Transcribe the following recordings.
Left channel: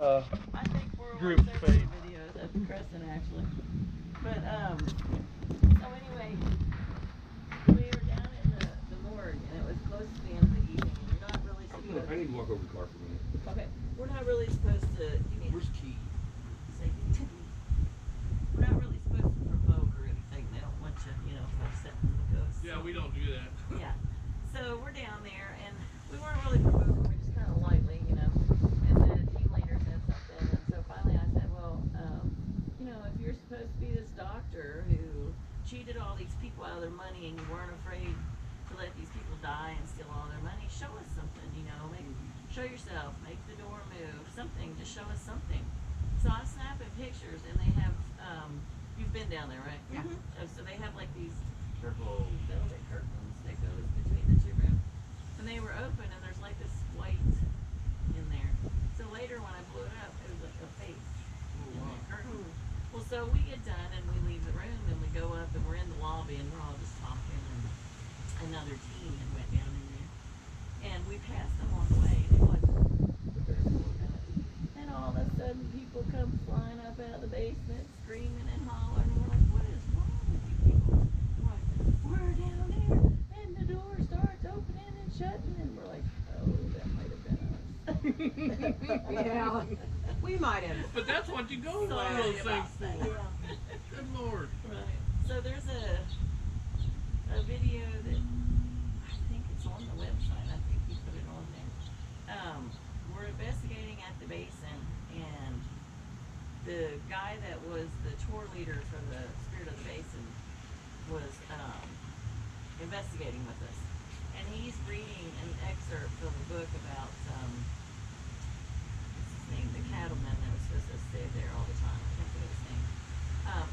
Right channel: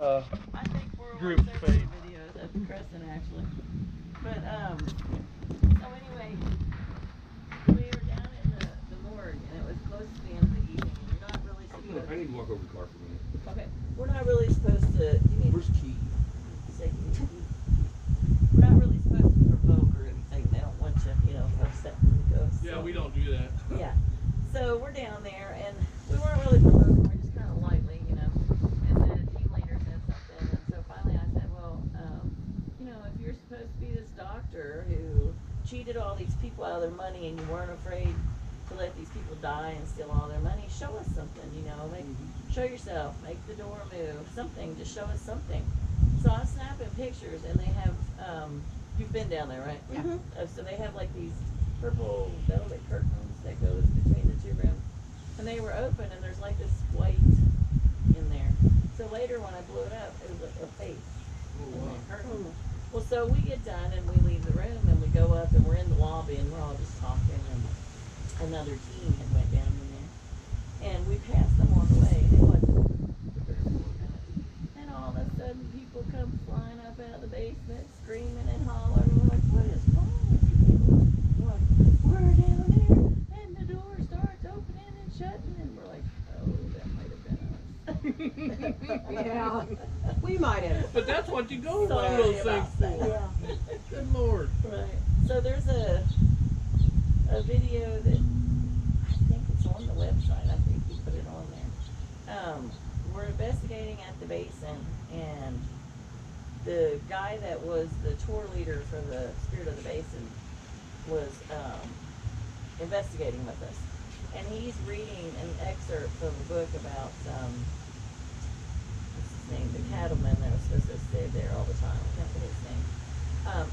I think we're group on fate. videos of Crescent actually. But so anyway, we were down in the morgue and it was close to the end of the evening and you're not really supposed I need to walk over the car for a minute. Okay. We're not really supposed to Where's Key? say we're not really supposed to provoke or anything. They don't want you, upsetting the ghosts. Yeah, we don't do that. Yeah. So we're down there and we weren't really provoking, we're just kind of lightly, And the team leader said something. And so finally I said, well, if you're supposed to be this doctor who cheated all these people out of their money and you weren't afraid to let these people die and steal all their money, show us something, show yourself, make the door move, something, just show us something. So I'm snapping pictures and they have, you've been down there, right? Yeah. So they have like these purple velvet curtains that goes between the two rooms. And they were open and there's like this white in there. So later when I blew it up, it was like a face in the curtain. Well, so we get done and we leave the room and we go up and we're in the lobby and we're all just talking and another team had went down in there. And we passed them on the way and it wasn't the third floor guys. And all of a sudden people come flying up out of the basement screaming and hollering and we're like, what is wrong with you people? We're like, we're down there and the door starts opening and shutting and we're like, oh, that might have been us. Yeah, we might have. But that's what you go to one of Sorry those things about for. that. Good Lord. Right. So there's a video that I think it's on the website. I think you put it on there. We're investigating at the basin, and the guy that was the tour leader for the Spirit of the Basin was investigating with us, and he's reading an excerpt from a book about what's his name, the cattleman that was supposed to stay there all the time. I can't think of his name.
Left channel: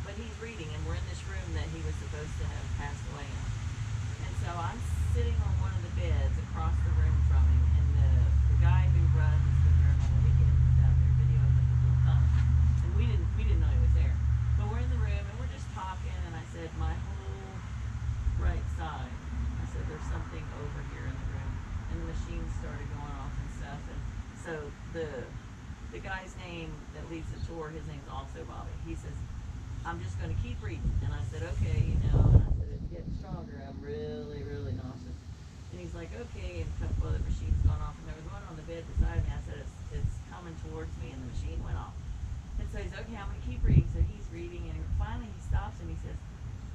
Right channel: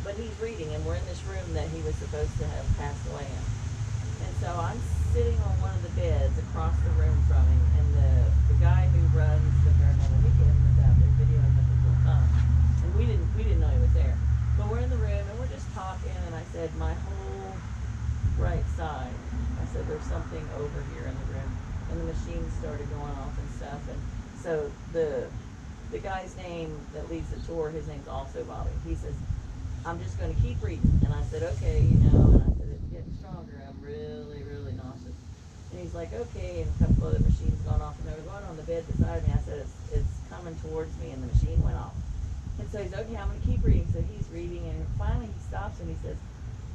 But he's reading, and we're in this room that he was supposed to have passed away in. And so I'm sitting on one of the beds across the room from him, and the guy who runs the paranormal weekend was out there videoing with his little phone. And we didn't know he was there. But we're in the room, and we're just talking, and I said, my whole right side, I said, there's something over here in the room. And the machines started going off and stuff. And so the guy's name that leads the tour, his name's also Bobby. He says, I'm just going to keep reading. And I said, okay, and I said, it's getting stronger. I'm really, really nauseous. And he's like, okay, and a couple other machines going off, and there was one on the bed beside me. I said, it's coming towards me, and the machine went off. And so he's, okay, I'm going to keep reading. So he's reading, and finally he stops, and he says,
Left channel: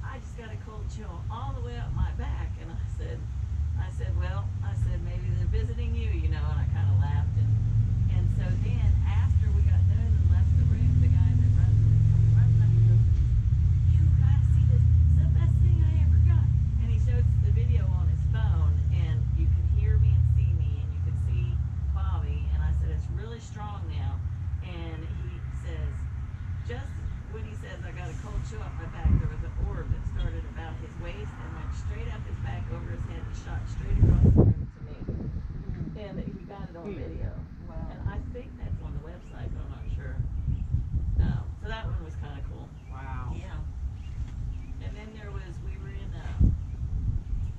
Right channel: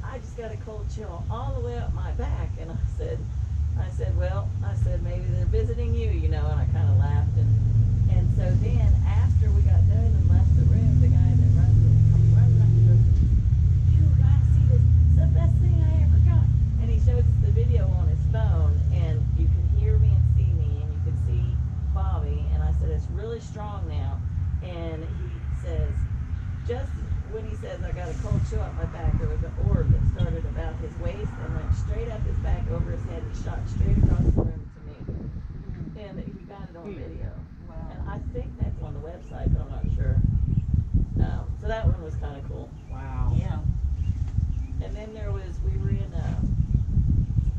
I just got a cold chill all the way up my back. And I said, well, maybe they're visiting you, and I kind of laughed. And so then, after we got done and left the room, the guy that runs up and goes, you gotta see this, it's the best thing I ever got. And he shows us the video on his phone, and you can hear me and see me, and you can see Bobby. And I said, it's really strong now. And he says, just when he says, I got a cold chill up my back, there was an orb that started about his waist and went straight up his back over his head and shot straight across the room to me. And he got it on video. Wow. And I think that's on the website, but I'm not sure. So that one was kind of cool. Wow. Yeah. And then we were in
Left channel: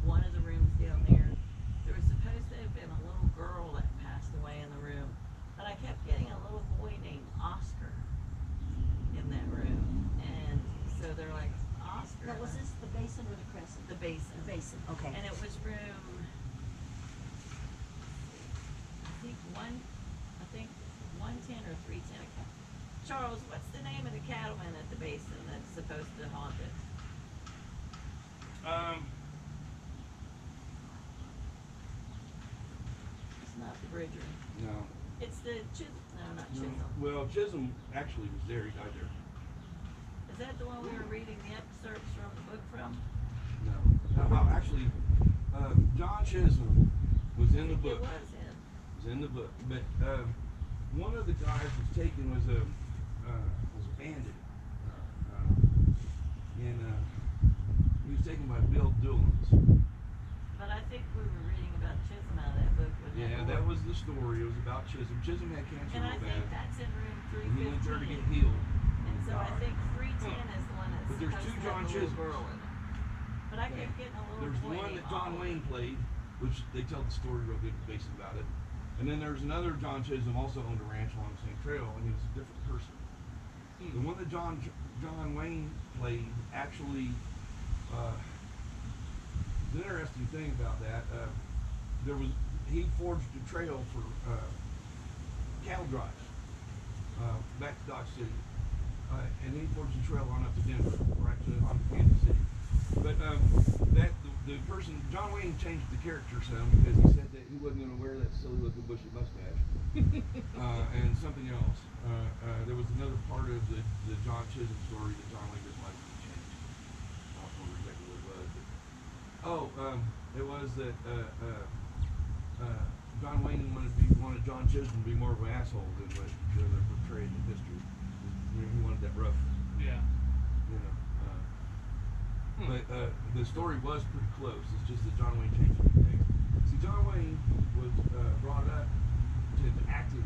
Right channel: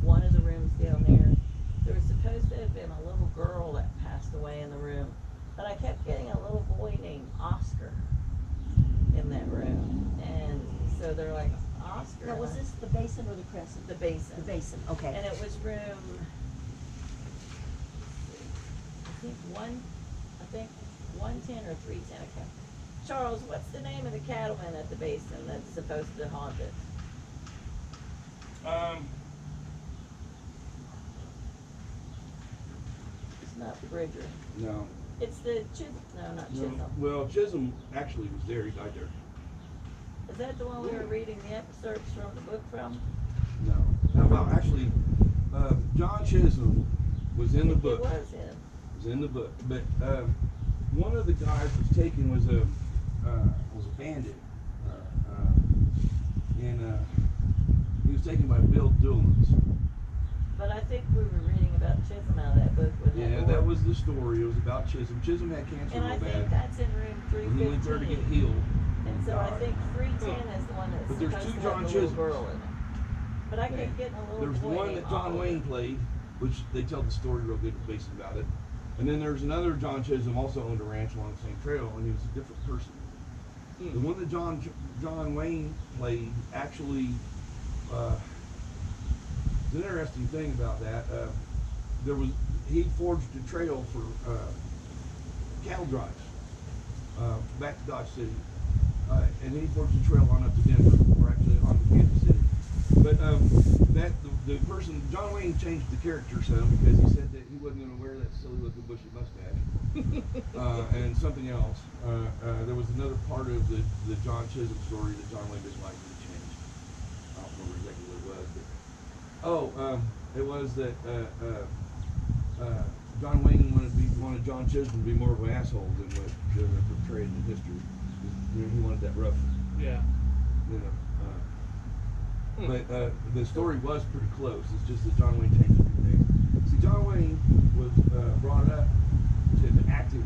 one of the rooms down there. There was supposed to have been a little girl that passed away in the room. But I kept getting a little boy named Oscar in that room. And so they're like, Oscar. Now, was this the basin or the crescent? The basin. The basin, okay. And it was room, I think 110 or 310. I can't. Charles, what's the name of the cattleman at the basin that's supposed to haunt it? It's not Bridger. No. It's the not Chisholm. Well, Chisholm actually was there. He died there. Is that the one we were reading the excerpts from the book from? No. Well, actually, John Chisholm was in the book. It was him. Was in the book. But one of the guys was taken was a bandit. And he was taken by Bill Doolins. But I think we were reading about Chisholm out of that book. Yeah, that was the story. It was about Chisholm. Chisholm had cancer And I real think bad. that's in room And he went there to 315. get healed. And so I think 310 is the one that's But there's supposed two to have John the little Chisholms. girl in it. But I kept getting a little There's boy one named that John Oliver. Wayne played, which they tell the story real good based about it. And then there's another John Chisholm also owned a ranch along the same trail, and he was a different person. The one that John Wayne played actually, it's an interesting thing about that. He forged a trail for cattle drives back to Dodge City, and he forged a trail on up to Denver, or actually on to Kansas City. But the person, John Wayne, changed the character some because he said that he wasn't going to wear that silly looking bushy mustache and something else. There was another part of the John Chisholm story that John Wayne didn't like to change. I don't remember exactly what it was, but it was that John Wayne wanted John Chisholm to be more of an asshole than what they're portrayed in history. You know, he wanted that rough, Yeah. you know. But the story was pretty close. It's just that John Wayne changed a few things. See, John Wayne was brought up to acting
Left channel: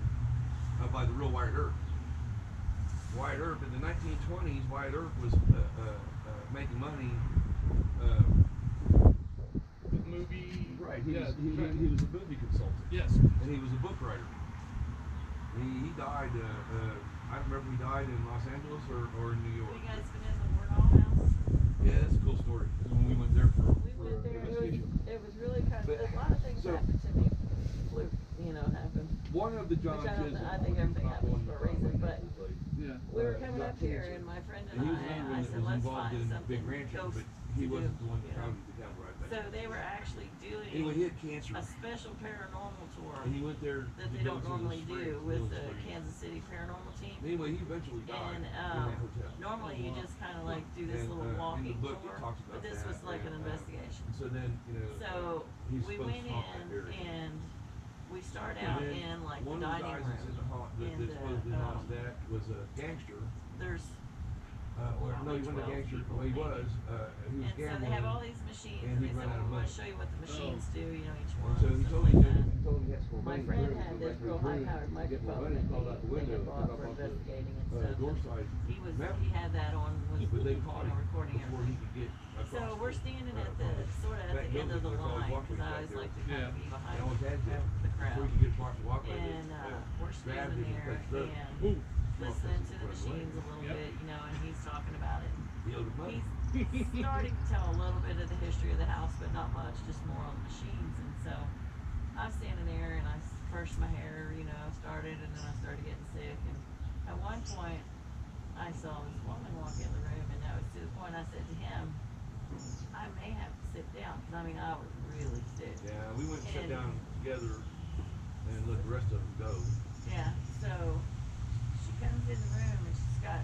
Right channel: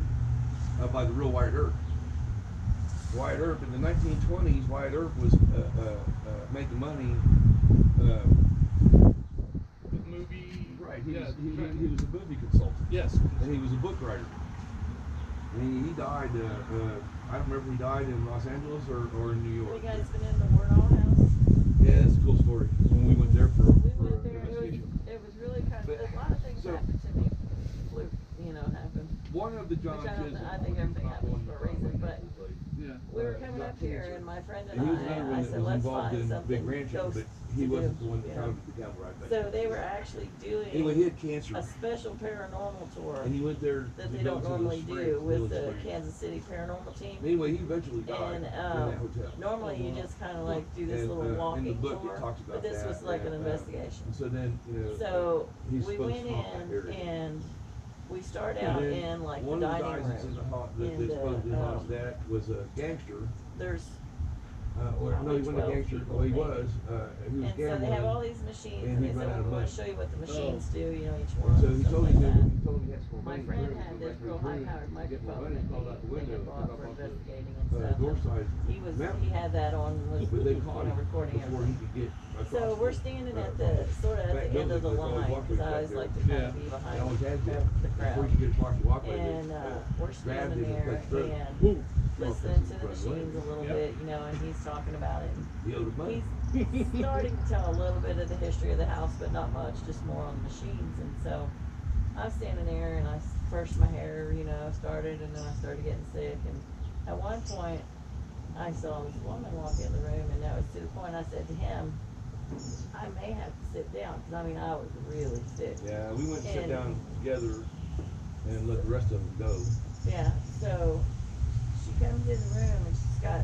by the real Wyatt Earp. Wyatt Earp in the 1920s, Wyatt Earp was making money. The movie. Right. He Yeah, was he right. was a movie consultant, Yes. and he was a book writer. And he died. I don't remember if he died in Los Angeles or in New Have York. you guys been in the Wardall house? Yeah, that's a cool story. When we went there for We went there, investigation. it was really kind of, But- a lot of things so- happened to me, fluke, happened. One of the John Which I don't Chisholm. know, I think everything not the one happens for a John reason, Wayne but played. Yeah. We were Uh, coming got up here cancer. and my friend And he was and another I one that said, was let's involved find in something big ranching, ghost but he to wasn't do, the one that you know. founded the cattle ride back So then. they were actually doing Anyway, he had cancer, a special paranormal tour and he went there that to they go don't to the normally springs, do with Village the Springs. Kansas City Paranormal team. Anyway, he eventually died And in that hotel. normally you just kind of like do this And, little in the walking book it tour, talks about but this that, was like an and, investigation. And so then, So he's we supposed to went haunt that in area. and we start And out then in like the one of the dining guys that's in room. the haunt, that in supposedly the, haunts that was a gangster. There's No, probably he wasn't a 12 gangster. people, Well, he maybe. was. He was and so gambling. they have all these machines and and he they ran said, out well, of we want money. to show you what the machines do, each And one, so and he stuff told me like that. he told me he had some more My money. friend Clearly, had go this back to real his room, high-powered get more microphone money, that crawled out the window, they took bought off for off investigating and the stuff. door and side. He mountain. had that on with But they caught him recording before he everything. could get across. So we're standing at the sort of at back the end of the building. There's always line because I walkways always back like to there. kind Yeah. of be They behind always had to. the Before crowd. you could get across the walkway, And we're grabbed standing him and there touched throat. and Ooh. listening to the Run away. machines a little Yep. bit, and he's talking about it. He owed him money. He's starting to tell a little bit of the history of the house, but not much, just more on the machines. And so I'm standing there and first my hair, started, and then I started getting sick. And at one point I saw this woman walk in the room, and that was to the point I said to him, I may have to sit down, because I was really sick. Yeah, we went and sat And- down together and let the rest of them go. Yeah, so she comes in the room and she's got